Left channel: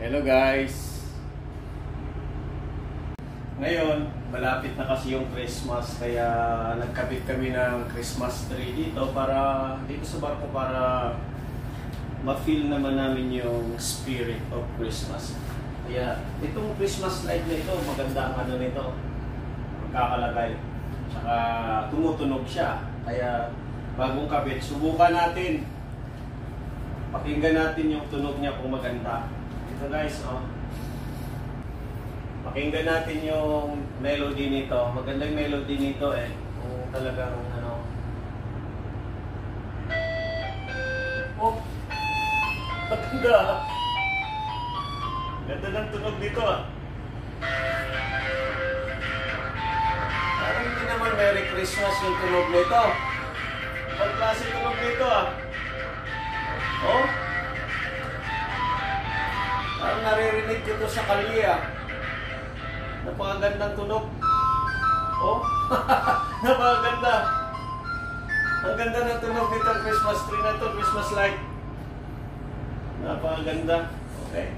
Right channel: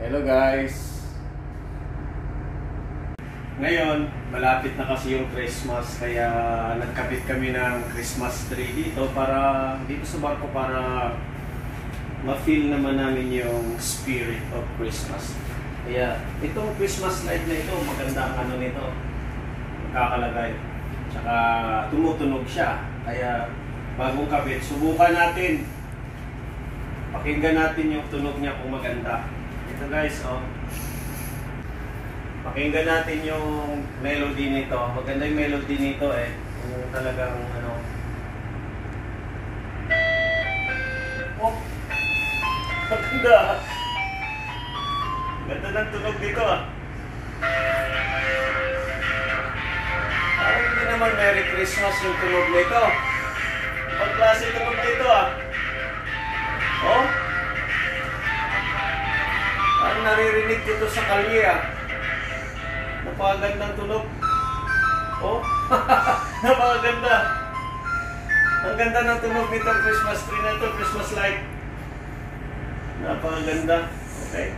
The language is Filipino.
Hello guys! Ngayon, malapit na kasi yung Christmas kaya nagkabit kami ng Christmas tree dito dito sa barko para ma-feel naman namin yung spirit of Christmas. Kaya itong Christmas light na ito, maganda ang ano nito, kakalagay. Tsaka tumutunog siya. Kaya bagong kabit, subukan natin. Pakinggan natin yung tunog niya kung maganda. Ito guys, oh. Pakinggan natin yung melody nito. Maganda yung melody nito eh. Kung talagang ano. Oh! Maganda! Ganda ng tunog dito ah. Parang hindi naman Merry Christmas yung tunog nito. Pag klase tunog nito ah. Oh! Parang naririnig dito sa kalye ah. Napakagandang tunog. Oh! Napakaganda. Ang ganda ng tunog nito Christmas tree na to, Christmas light. Napakaganda. Okay.